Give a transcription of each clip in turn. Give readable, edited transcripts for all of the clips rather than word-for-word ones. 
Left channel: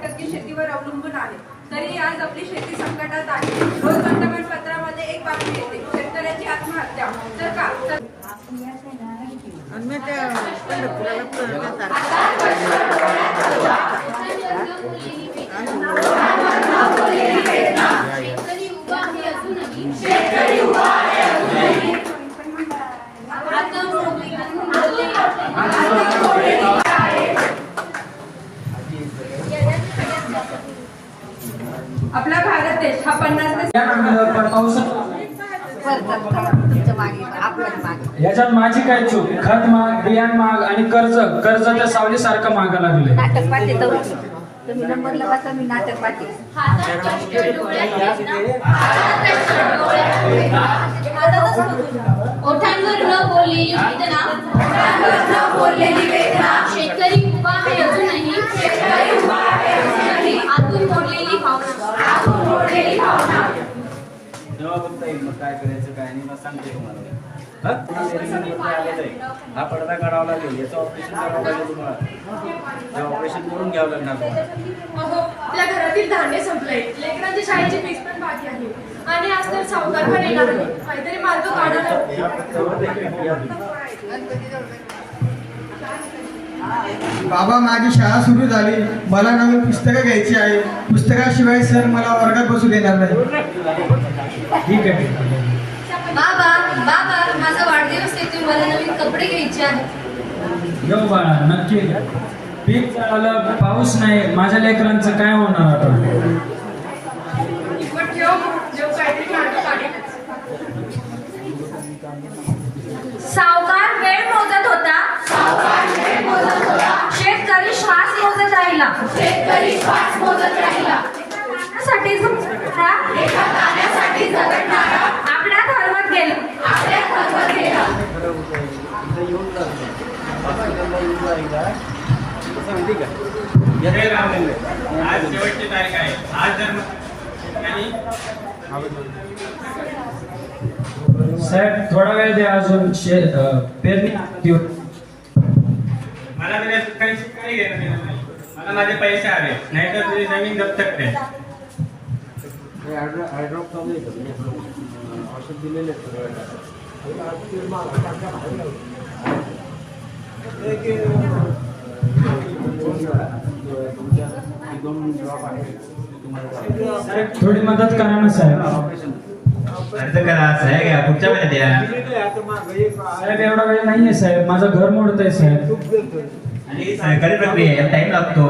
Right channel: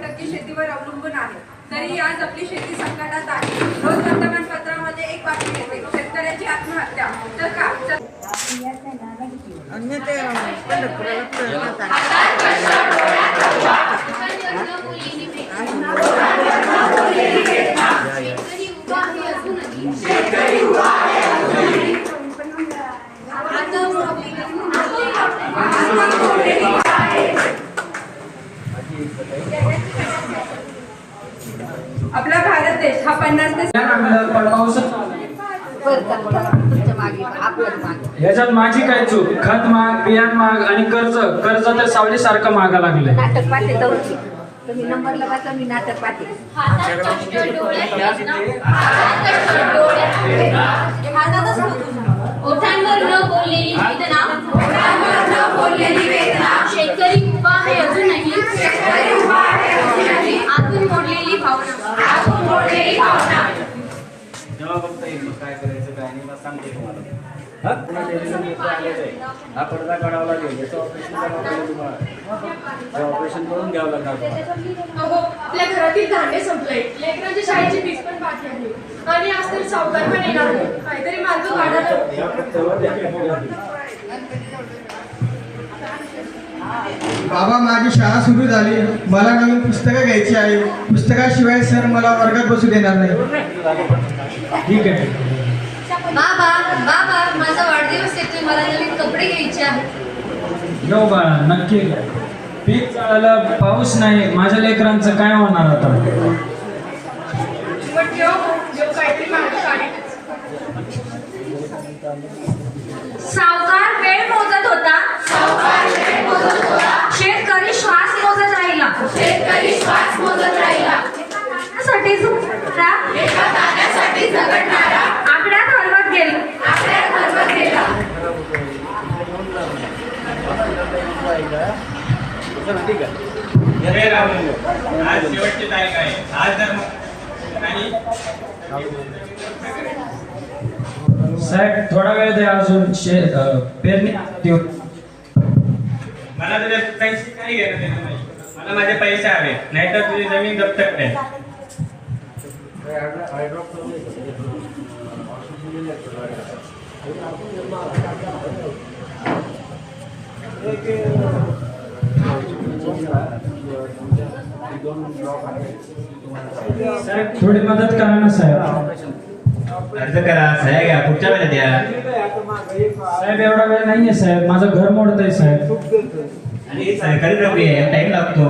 60% शेतीवर अवलंबून आहे. तरी आज आपली शेती संकटात आहे. रोज वर्तमानपत्रामध्ये एक बातमी येते, शेतकऱ्याची आत्महत्या. तर का आपला भारत देश हा 50 याच्यात माझी काय चूक? खत महाग, बियाण महाग आणि कर्ज तर सावलीसारखं महागा लागले. नाटक पाठी तुम्ही नंबरला वाचा, मी नाटक पाठी. ओठांवर न बोललेली वेदना, शेतकरी उभा आहे अजूनही, आतून मोडलेली भावना. जेव्हा बघता येईल मग काय करायचं काय नाही, मग सांगते तुम्हाला. हा पडदा काढावा लागेल, याचं ऑपरेशन करावं लागेल तुम्हाला. ते ऑपरेशन करून घ्यावं लागणार तुम्हाला. आपल्या घरातील धान्य संपले, लेकरांची शाळेची फीस पण बाकी आहे आणि आज तर सावकार पण येणार नाही. काहीतरी मार्ग काढायला. बाबा, माझी शाळा सुरू झाली, मला नवीन पुस्तकं घ्यायची आहे. पुस्तकाशिवाय सर मला वर्गात बसू देणार नाही. ठीक आहे. बाबा माझा वाढदिवस येतोय, मला नवीन कपडे घ्यायचे आहेत. जाऊ बाळा, नक्की घ्या. पीक झालं, पाऊस नाही, माझ्या लेकरांचं काय होणार आता? पण जेव्हा काहीतरी मार्ग काढेल. सावकार वेळ मोजत होता, शेतकरी श्वास मोजत राहिला, साठी झगडणारा आकड्यात हरवत गेला. आज शेवटची तारीख आहे. आज जर साहेब थोडा वेळ द्या अजून. पेरणी मला तुला काही घेणं देणं नाही. मला माझे पैसे हवे, नाहीतर तुझी जमीन जप्त करेल. थोडी मदत करा ना साहेब. अर्ज करा साहेब, पुढच्या वेळेला द्या. साहेब एवढा वेळ नाहीये साहेब, माझं घर मोडतंय साहेब. आणि सरकारी प्रक्रिया याला टाइम लागतो.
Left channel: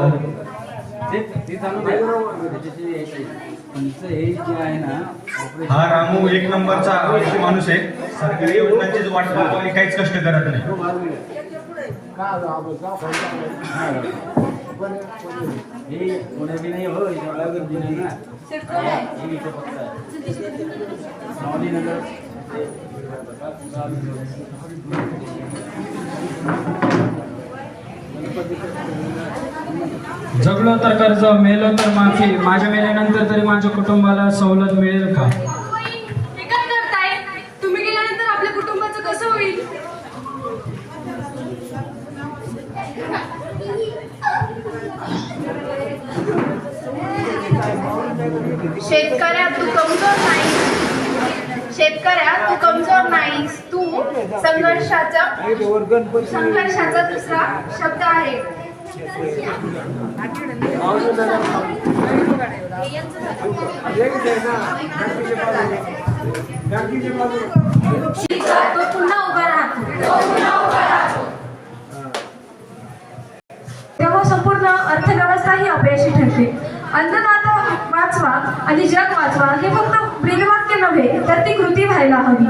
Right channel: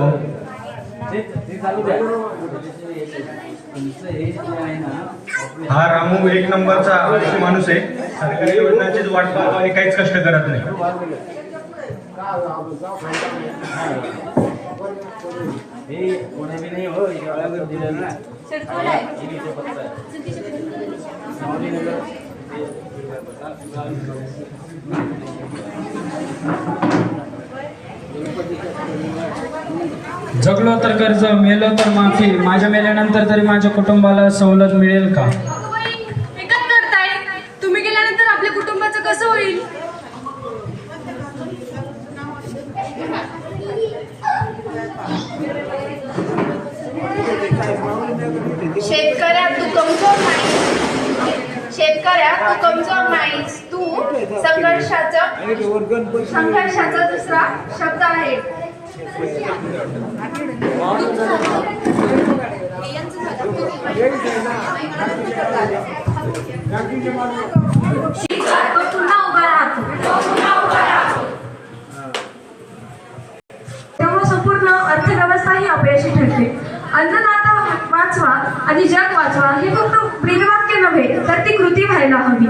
हा रामू एक नंबरचा आवश्यक माणूस आहे. सरकारी योजनांची वाट पाहतो आणि काहीच कष्ट करत नाही. जगलो तर कर्ज, मेलो तर माफी. माझ्या मेल्यानंतर तरी माझ्या कुटुंबाला सवलत मिळेल का? हे काय करताय? तुम्ही गेल्यानंतर आपल्या कुटुंबाचं कसं होईल? शेतकऱ्या तू कमजोर नाहीस, तू संघर्षाचा दुसरा शब्द आहे. पुन्हा उभा राहतो. तेव्हा संपूर्ण अर्थव्यवस्था ही अपयशी ठरते. अन्नदाता वाचवा आणि जग वाचवा हे फक्त ब्रीदवाक्य नव्हे, तर ती कृती व्हायला हवी.